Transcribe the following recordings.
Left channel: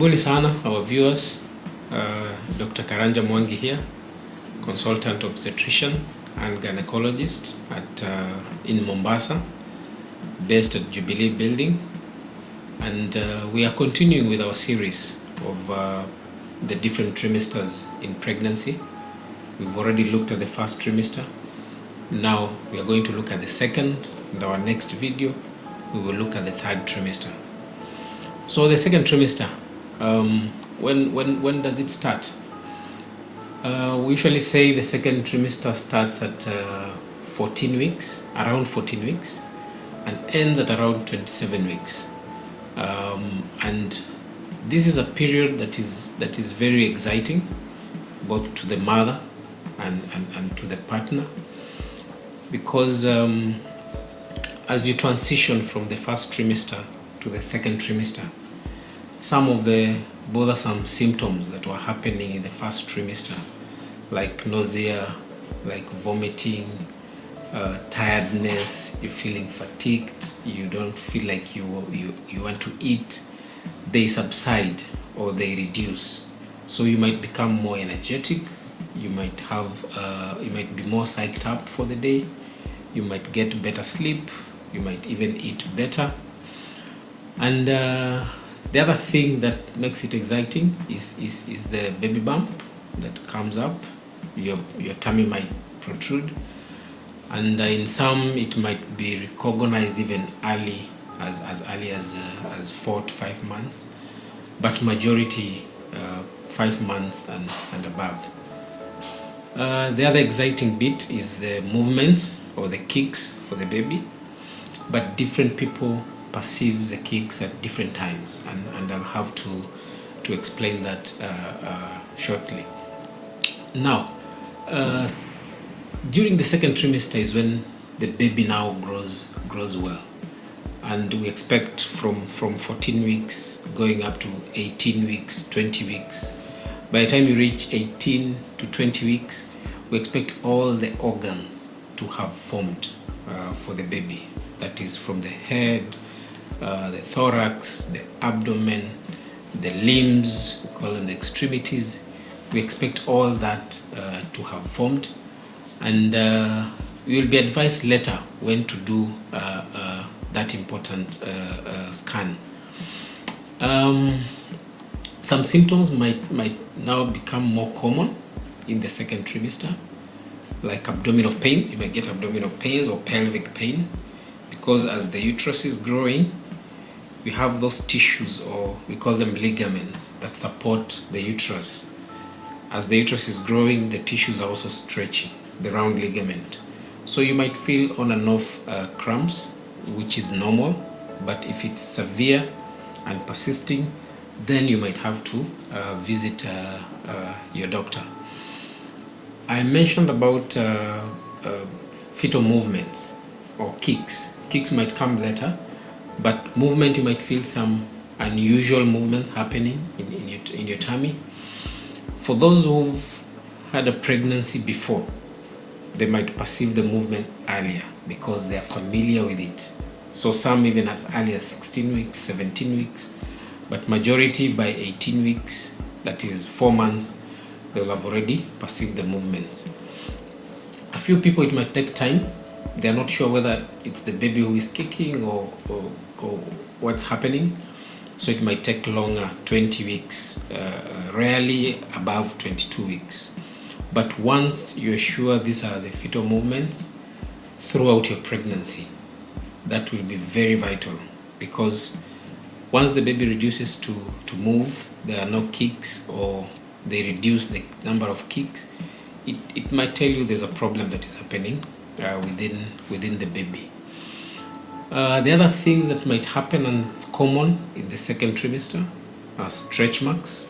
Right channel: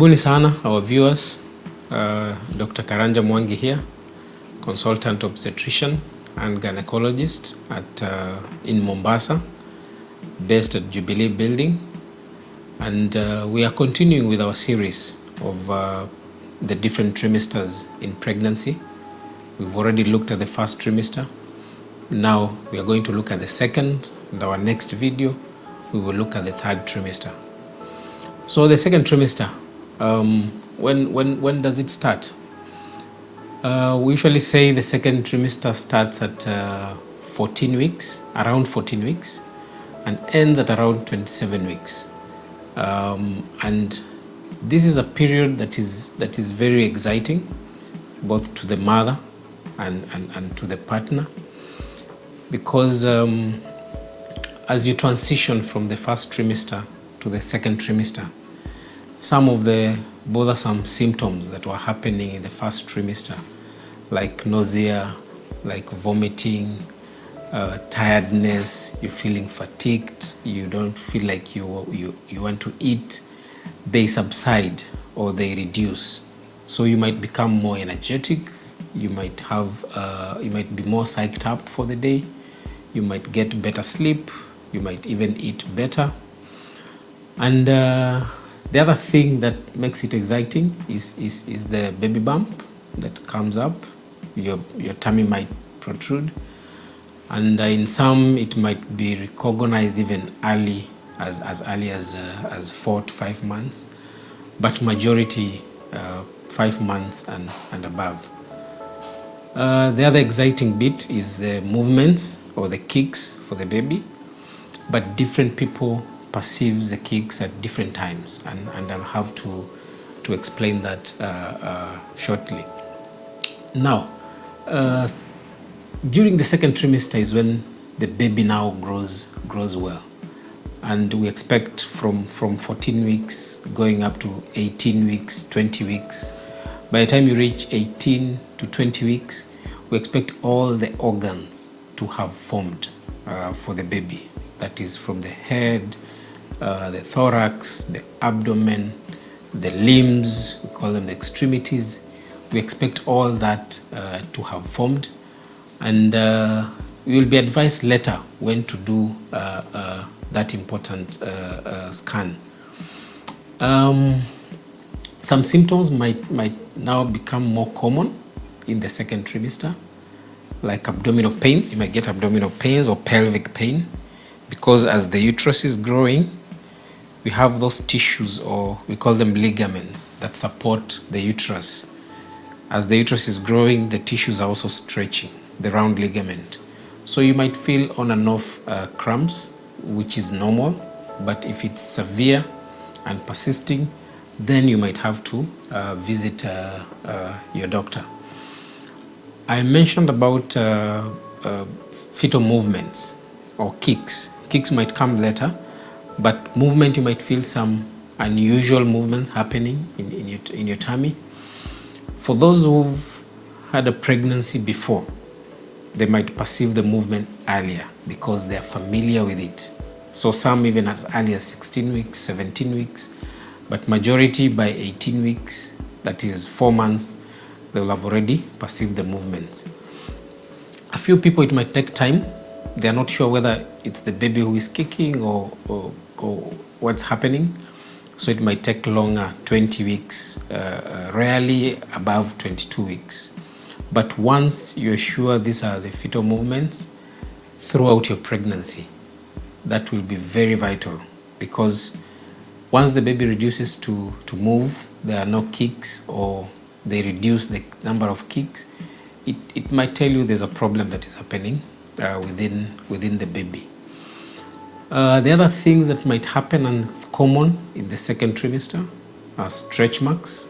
Karibuni sana our viewers. Dr. Karanja Mwangi here, consultant obstetrician and gynecologist in Mombasa, based at Jubilee Building, and we are continuing with our series of the different trimesters in pregnancy. We've already looked at the first trimester. Now we are going to look at the second. In our next video, we will look at the third trimester. So the second trimester, when does it start? We usually say the second trimester starts at 14 weeks, around 14 weeks, and ends at around 27 weeks. And this is a period that is very exciting, both to the mother and to the partner, because as you transition from the first trimester to the second trimester, some of the bothersome symptoms that were happening in the first trimester, like nausea, like vomiting, tiredness, you're feeling fatigued, you don't feel like you want to eat, they subside or they reduce. So you might become more energetic, you might be more psyched up for the day, you might get better sleep, you might even eat better. And the other thing that makes it exciting is the baby bump that comes up. Your tummy might protrude, and in some it might be recognized even early, as early as 4 to 5 months, but majority 5 months and above. The other exciting bit is the movements or the kicks for the baby, but different people perceive the kicks at different times, and I'll have to explain that shortly. Now, during the second trimester is when the baby now grows well, and we expect from 14 weeks going up to 18 weeks, 20 weeks. By the time you reach 18 to 20 weeks, we expect all the organs to have formed for the baby. That is from the head, the thorax, the abdomen, the limbs, we call them the extremities. We expect all that to have formed, and we will be advised later when to do that important scan. Some symptoms might now become more common in the second trimester, like abdominal pains. You might get abdominal pains or pelvic pain, because as the uterus is growing, we have those tissues, or we call them ligaments, that support the uterus. As the uterus is growing, the tissues are also stretching, the round ligament. So you might feel on and off cramps, which is normal, but if it's severe and persisting, then you might have to visit your doctor. I mentioned about fetal movements or kicks. Kicks might come later, but movement, you might feel some unusual movements happening in your tummy. For those who've had a pregnancy before, they might perceive the movement earlier because they're familiar with it. So some even as early as 16 weeks, 17 weeks, but majority by 18 weeks, that is 4 months, they will have already perceived the movements. A few people, it might take time. They're not sure whether it's the baby who is kicking or what's happening. So it might take longer, 20 weeks, rarely above 22 weeks. But once you're sure these are the fetal movements throughout your pregnancy, that will be very vital, because once the baby reduces to move, there are no kicks, or they reduce the number of kicks, it might tell you there's a problem that is happening within the baby. The other things that might happen, and it's common in the second trimester, are stretch marks.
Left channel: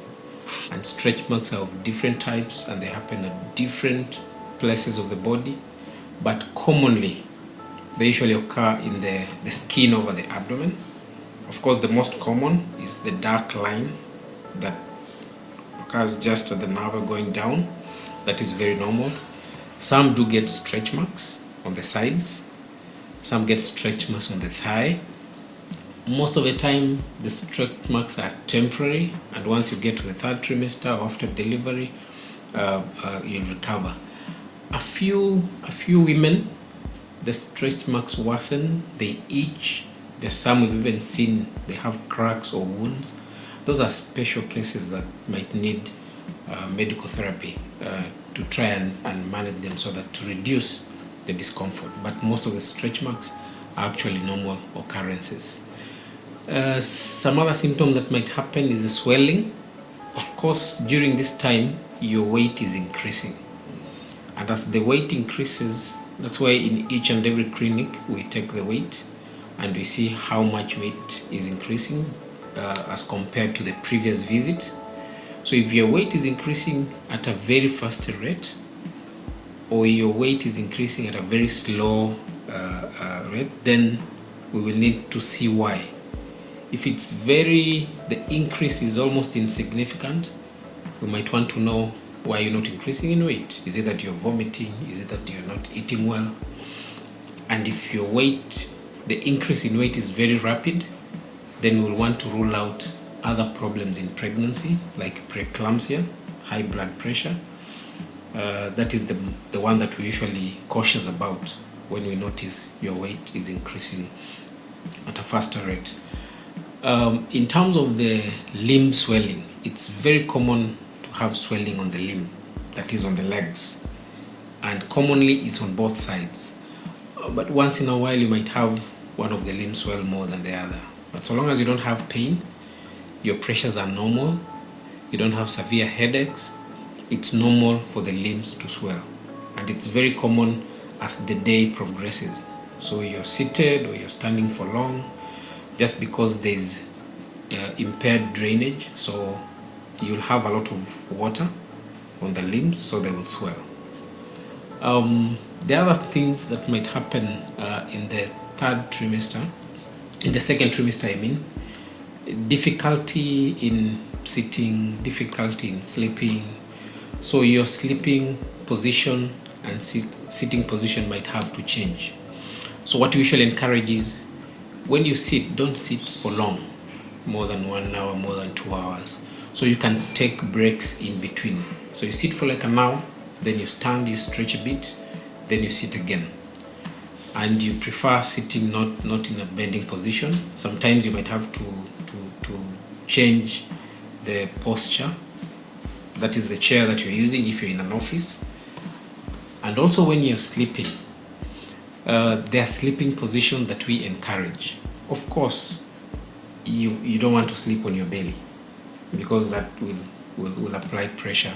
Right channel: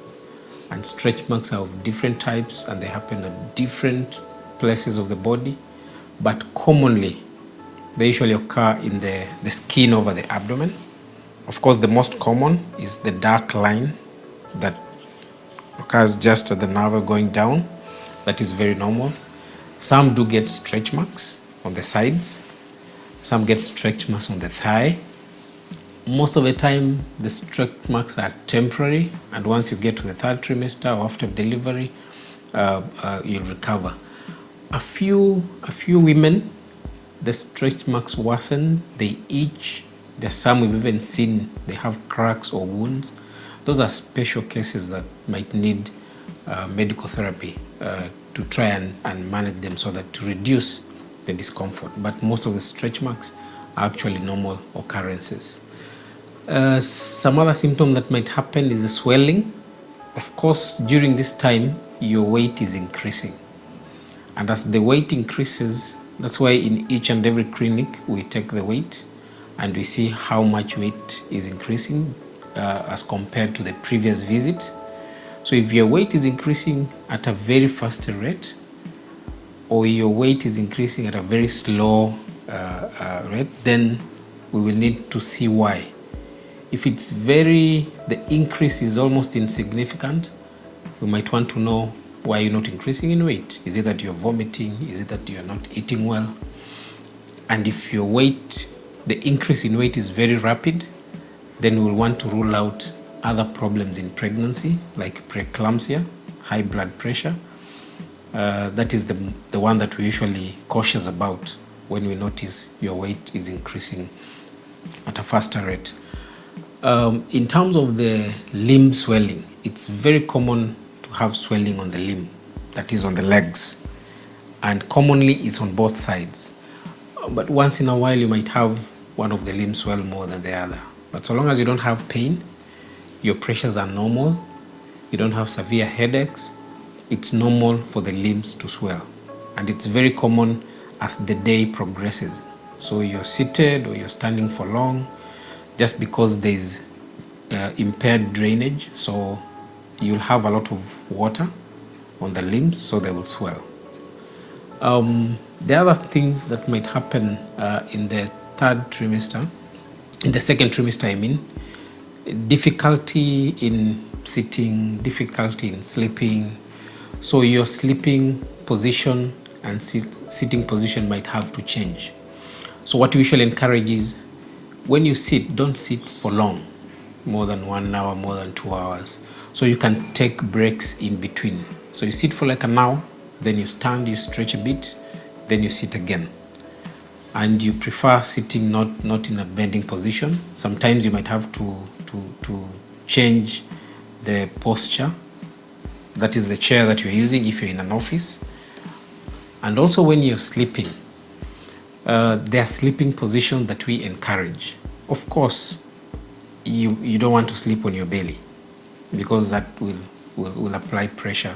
And stretch marks are of different types, and they happen at different places of the body. But commonly, they usually occur in the skin over the abdomen. Of course, the most common is the dark line that occurs just at the navel going down. That is very normal. Some do get stretch marks on the sides. Some get stretch marks on the thigh. Most of the time, the stretch marks are temporary, and once you get to the third trimester or after delivery, you'll recover. A few women, the stretch marks worsen, they itch. There's some we've even seen they have cracks or wounds. Those are special cases that might need medical therapy to try and manage them so that to reduce the discomfort. But most of the stretch marks are actually normal occurrences. Some other symptom that might happen is the swelling. Of course, during this time, your weight is increasing. And as the weight increases, that's why in each and every clinic, we take the weight and we see how much weight is increasing as compared to the previous visit. So if your weight is increasing at a very fast rate, or your weight is increasing at a very slow rate, then we will need to see why. If it's the increase is almost insignificant, we might want to know why you're not increasing in weight. Is it that you're vomiting? Is it that you're not eating well? And if your weight, the increase in weight is very rapid, then we'll want to rule out other problems in pregnancy, like preeclampsia, high blood pressure. That is the one that we're usually cautious about when we notice your weight is increasing at a faster rate. In terms of the limb swelling, it's very common to have swelling on the limb, that is on the legs, and commonly it's on both sides. But once in a while you might have one of the limbs swell more than the other. But so long as you don't have pain, your pressures are normal, you don't have severe headaches, it's normal for the limbs to swell. And it's very common as the day progresses. So you're seated or you're standing for long, just because there's impaired drainage, so you'll have a lot of water on the limbs, so they will swell. The other things that might happen in the third trimester, in the second trimester, I mean, difficulty in sitting, difficulty in sleeping. So your sleeping position and sitting position might have to change. So what we usually encourage is, when you sit, don't sit for long, more than 1 hour, more than 2 hours. So you can take breaks in between. So you sit for like an hour, then you stand, you stretch a bit, then you sit again. And you prefer sitting not in a bending position. Sometimes you might have to change the posture. That is the chair that you're using if you're in an office. And also when you're sleeping, there are sleeping positions that we encourage. Of course, you don't want to sleep on your belly, because that will apply pressure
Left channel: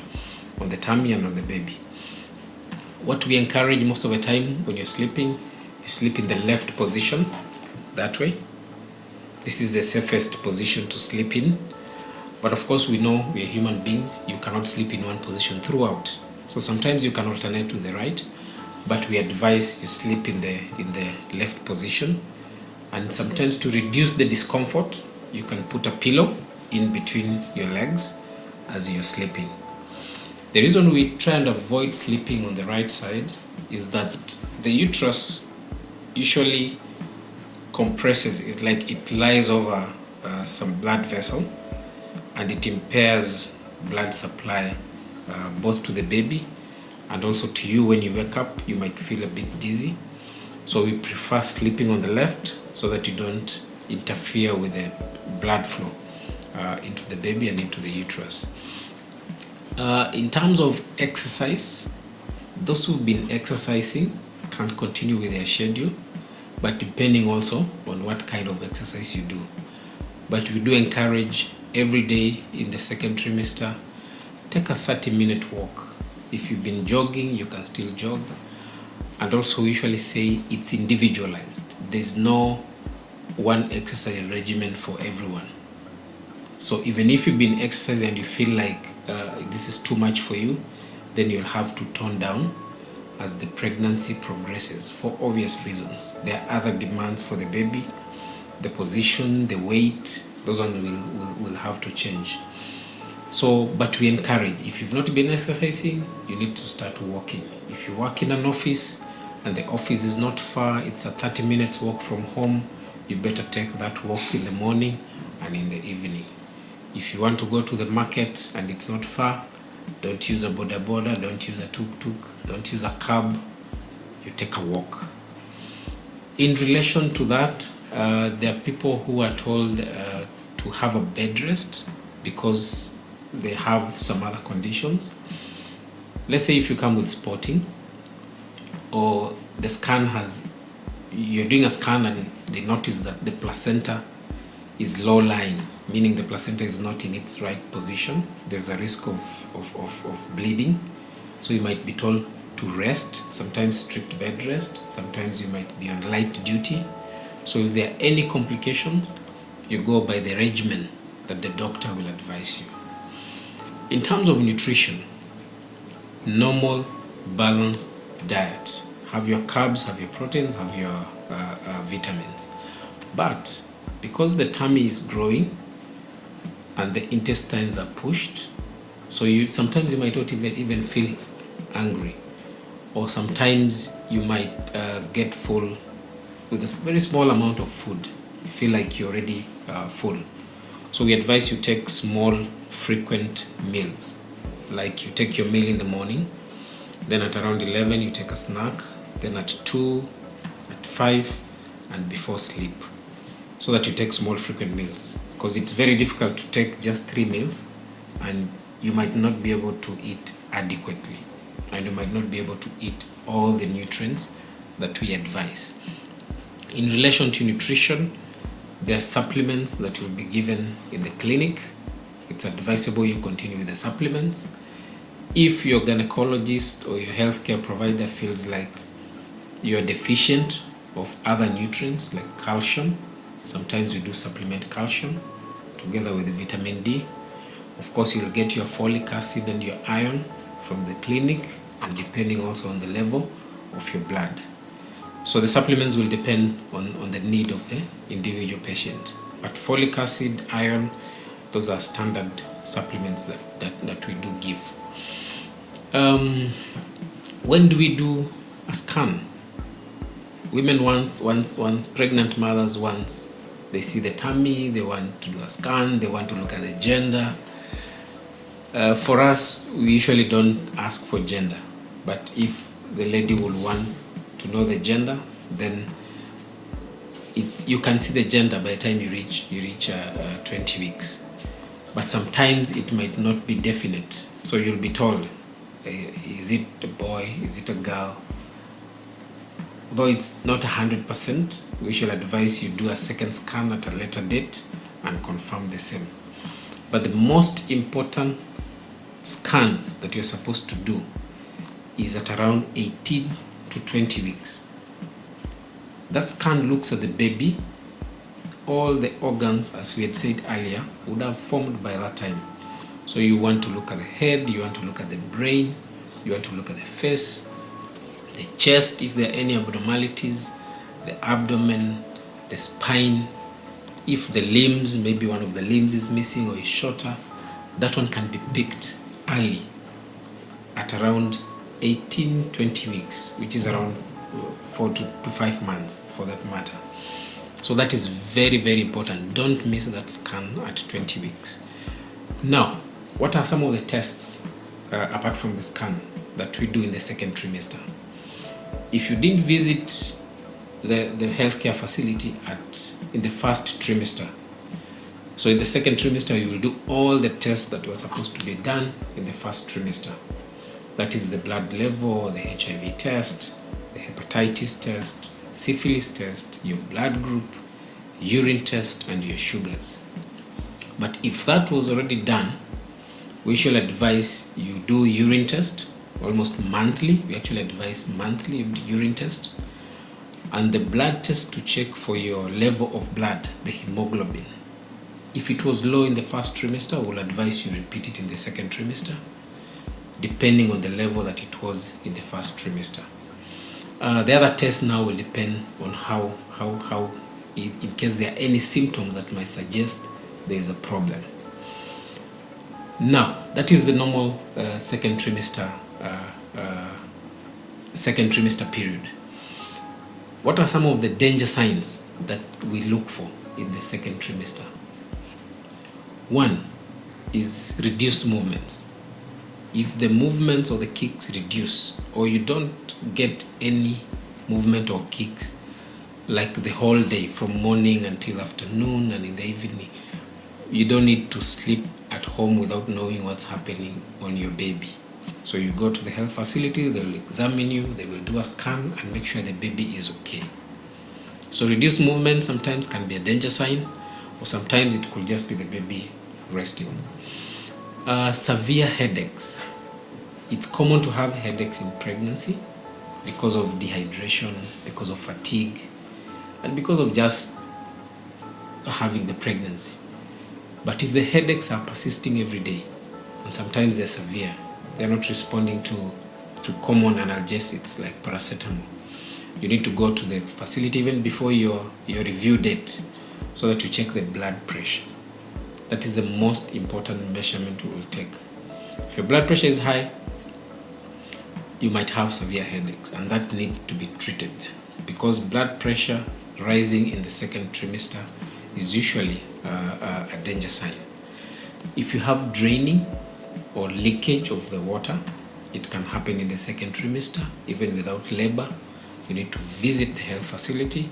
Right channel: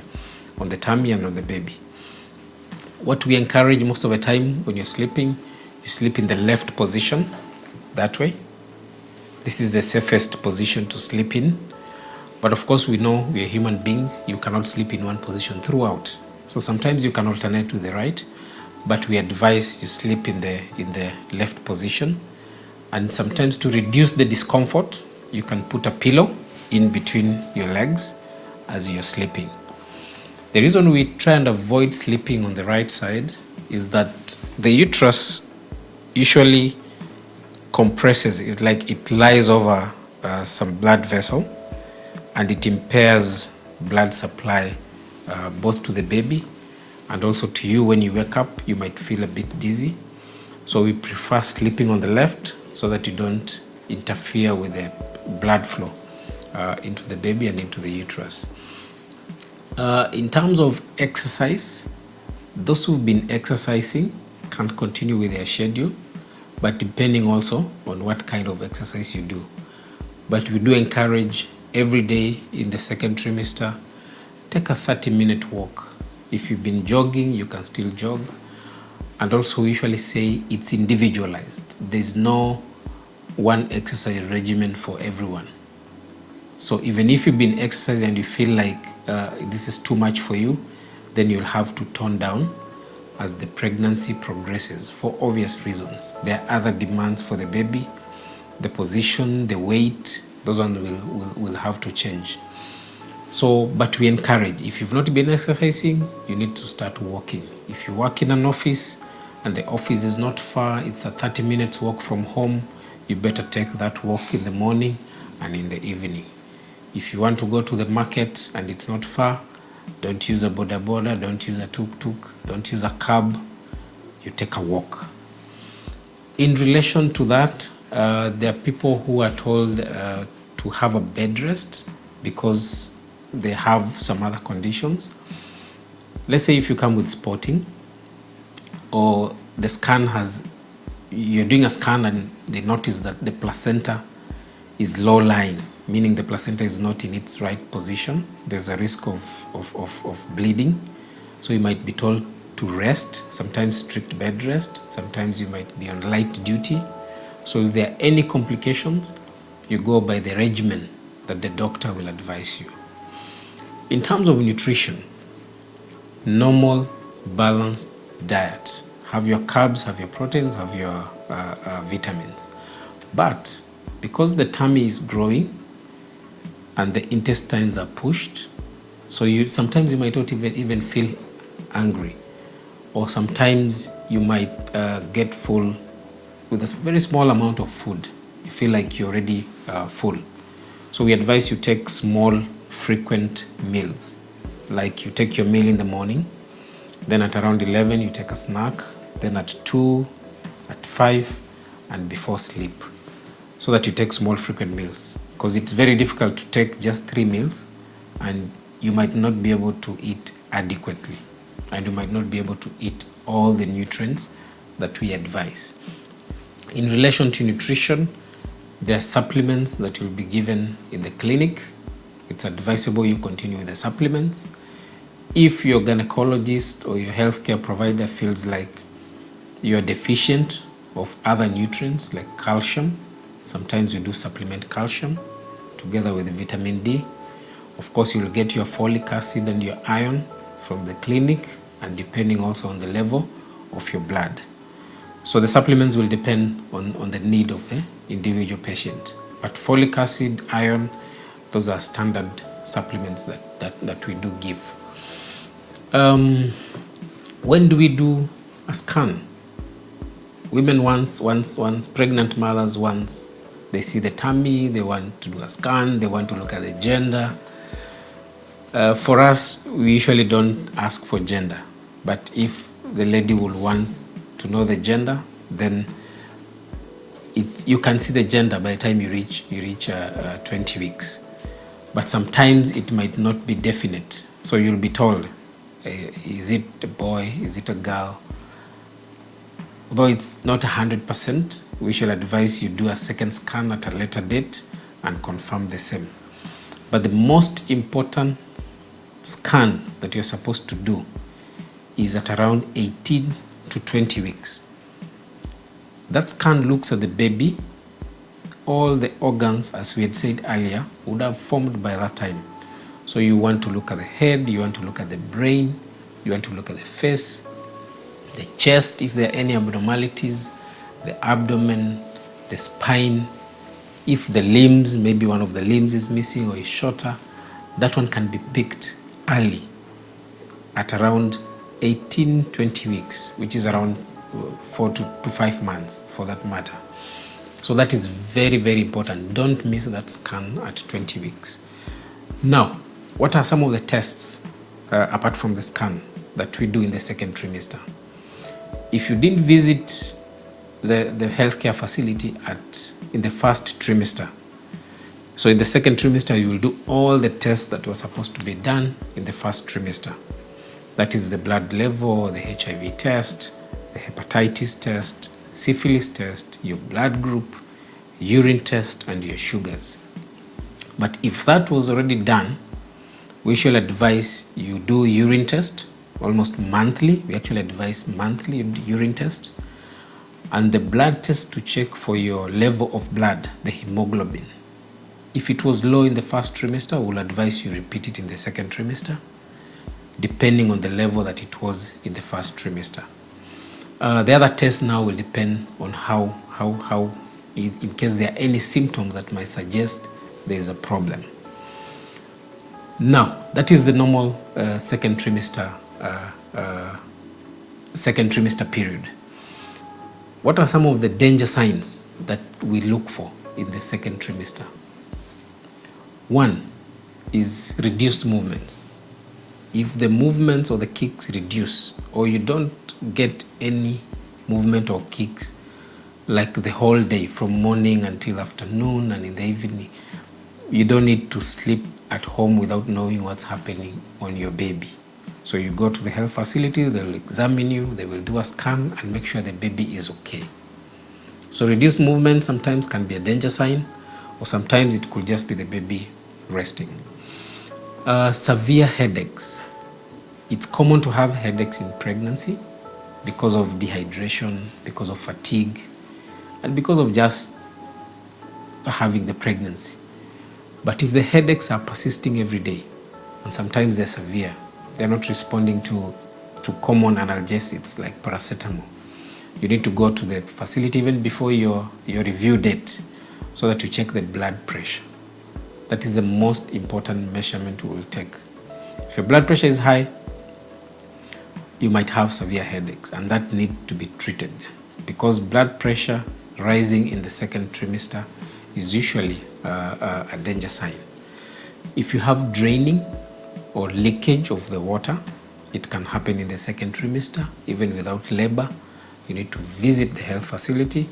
on the tummy and on the baby. What we encourage most of the time when you're sleeping, you sleep in the left position, that way. This is the safest position to sleep in. But of course, we know we are human beings, you cannot sleep in one position throughout. So sometimes you can alternate to the right, but we advise you sleep in the left position. And sometimes to reduce the discomfort, you can put a pillow in between your legs as you're sleeping. The reason we try and avoid sleeping on the right side is that the uterus usually compresses. It's like it lies over some blood vessel, and it impairs blood supply both to the baby and also to you. When you wake up, you might feel a bit dizzy. So we prefer sleeping on the left so that you don't interfere with the blood flow into the baby and into the uterus. In terms of exercise, those who've been exercising can continue with their schedule, but depending also on what kind of exercise you do. But we do encourage every day in the second trimester, take a 30-minute walk. If you've been jogging, you can still jog. And also we usually say it's individualized. There's no one exercise regimen for everyone. So even if you've been exercising and you feel like this is too much for you, then you'll have to tone down as the pregnancy progresses for obvious reasons. There are other demands for the baby, the position, the weight, those ones will have to change. So, but we encourage, if you've not been exercising, you need to start walking. If you work in an office and the office is not far, it's a 30 minutes walk from home, you better take that walk in the morning and in the evening. If you want to go to the market and it's not far, don't use a boda boda, don't use a tuk-tuk, don't use a cab, you take a walk. In relation to that, there are people who are told to have a bed rest because they have some other conditions. Let's say if you come with spotting, or the scan you're doing a scan and they notice that the placenta is low lying, meaning the placenta is not in its right position, there's a risk of bleeding. So you might be told to rest, sometimes strict bed rest, sometimes you might be on light duty. So if there are any complications, you go by the regimen that the doctor will advise you. In terms of nutrition, normal, balanced diet. Have your carbs, have your proteins, have your vitamins. But because the tummy is growing and the intestines are pushed, so sometimes you might not even feel hungry, or sometimes you might get full with a very small amount of food. You feel like you're already full. So we advise you take small, frequent meals. Like you take your meal in the morning, then at around 11 you take a snack, then at 2, at 5, and before sleep. So that you take small, frequent meals. Because it's very difficult to take just 3 meals, and you might not be able to eat adequately, and you might not be able to eat all the nutrients that we advise. In relation to nutrition, there are supplements that will be given in the clinic. It's advisable you continue with the supplements. If your gynecologist or your healthcare provider feels like you are deficient of other nutrients like calcium, sometimes you do supplement calcium together with vitamin D. Of course, you'll get your folic acid and your iron from the clinic, and depending also on the level of your blood. So the supplements will depend on the need of an individual patient. But folic acid, iron, those are standard supplements that we do give. When do we do a scan? Women once pregnant mothers, once they see the tummy, they want to do a scan, they want to look at the gender. For us, we usually don't ask for gender, but if the lady will want to know the gender, then you can see the gender by the time you reach 20 weeks. But sometimes it might not be definite, so you'll be told, is it a boy, is it a girl? Though it's not 100%, we shall advise you do a second scan at a later date and confirm the same. But the most important scan that you're supposed to do is at around 18 to 20 weeks. That scan looks at the baby. All the organs, as we had said earlier, would have formed by that time. So you want to look at the head, you want to look at the brain, you want to look at the face, the chest, if there are any abnormalities, the abdomen, the spine. If the limbs, maybe one of the limbs is missing or is shorter, that one can be picked early at around 18-20 weeks, which is around 4 to 5 months for that matter. So that is very, very important. Don't miss that scan at 20 weeks. Now, what are some of the tests apart from the scan that we do in the second trimester? If you didn't visit the healthcare facility in the first trimester, so in the second trimester you will do all the tests that were supposed to be done in the first trimester. That is the blood level, the HIV test, the hepatitis test, syphilis test, your blood group, urine test, and your sugars. But if that was already done, we shall advise you do urine test almost monthly. We actually advise monthly urine test, and the blood test to check for your level of blood, the hemoglobin. If it was low in the first trimester, we'll advise you repeat it in the second trimester, depending on the level that it was in the first trimester. The other tests now will depend on how in case there are any symptoms that might suggest there is a problem. Now, that is the normal second trimester period. What are some of the danger signs that we look for in the second trimester. One is reduced movements. If the movements or the kicks reduce, or you don't get any movement or kicks like the whole day from morning until afternoon and in the evening, you don't need to sleep at home without knowing what's happening on your baby. So you go to the health facility, they will examine you, they will do a scan and make sure the baby is okay. So reduced movement sometimes can be a danger sign, or sometimes it could just be the baby resting. Severe headaches. It's common to have headaches in pregnancy because of dehydration, because of fatigue, and because of just having the pregnancy. But if the headaches are persisting every day, and sometimes they're severe, they're not responding to common analgesics like paracetamol, you need to go to the facility even before your review date so that you check the blood pressure. That is the most important measurement we will take. If your blood pressure is high, you might have severe headaches, and that needs to be treated, because blood pressure rising in the second trimester is usually a danger sign. If you have draining or leakage of the water, it can happen in the second trimester, even without labor. You need to visit the health facility.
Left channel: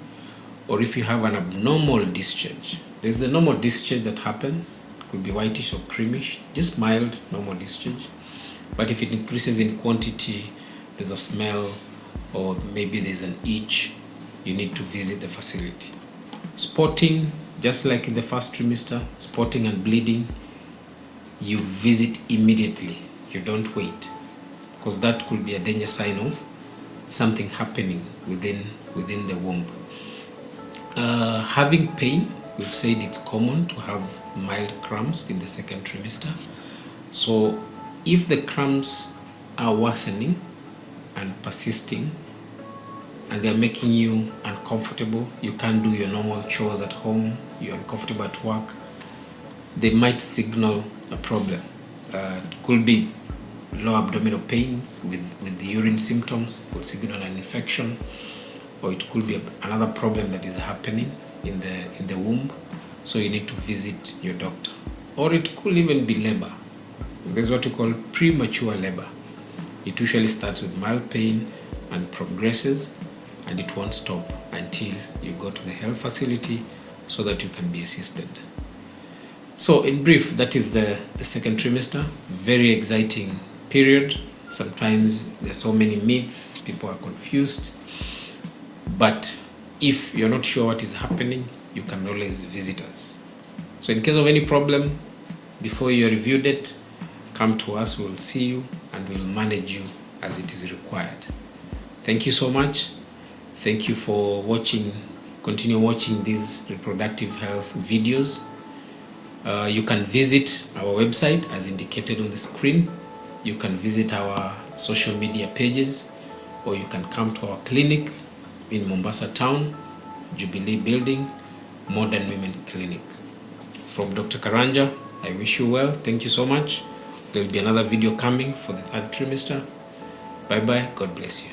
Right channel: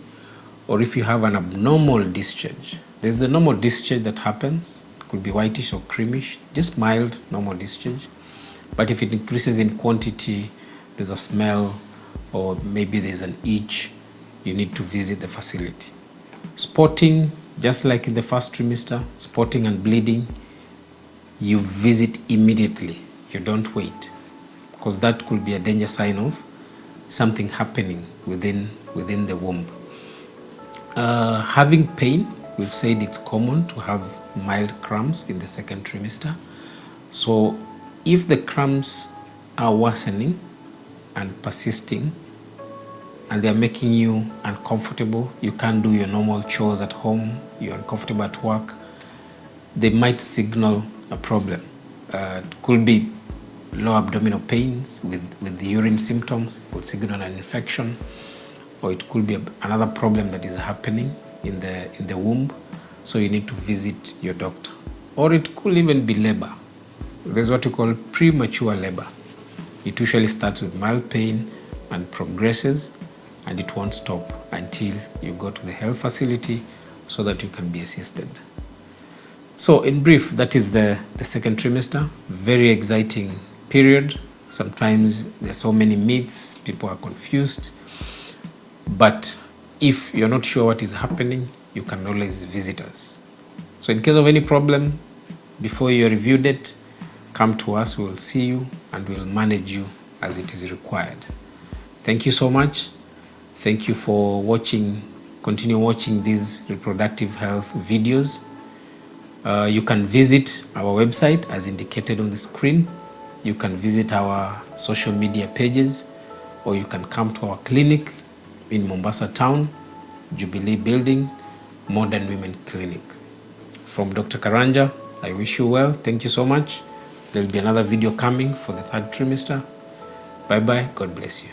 Or if you have an abnormal discharge, there's the normal discharge that happens. It could be whitish or creamish, just mild normal discharge. But if it increases in quantity, there's a smell, or maybe there's an itch, you need to visit the facility. Spotting, just like in the first trimester, spotting and bleeding, you visit immediately. You don't wait, because that could be a danger sign of something happening within the womb. Having pain, we've said it's common to have mild cramps in the second trimester. So if the cramps are worsening and persisting, and they're making you uncomfortable, you can't do your normal chores at home, you're uncomfortable at work, they might signal a problem. It could be low abdominal pains with the urine symptoms, would signal an infection, or it could be another problem that is happening in the womb, so you need to visit your doctor. Or it could even be labor. There's what you call premature labor. It usually starts with mild pain and progresses, and it won't stop until you go to the health facility so that you can be assisted. So in brief, that is the second trimester. Very exciting period. Sometimes there's so many myths, people are confused. But if you're not sure what is happening, you can always visit us. So in case of any problem, before your review date, come to us, we will see you and we'll manage you as it is required. Thank you so much. Thank you for watching. Continue watching these reproductive health videos. You can visit our website as indicated on the screen. You can visit our social media pages, or you can come to our clinic in Mombasa Town, Jubilee Building, Modern Women Clinic. From Dr. Karanja, I wish you well. Thank you so much. There will be another video coming for the third trimester. Bye-bye. God bless you.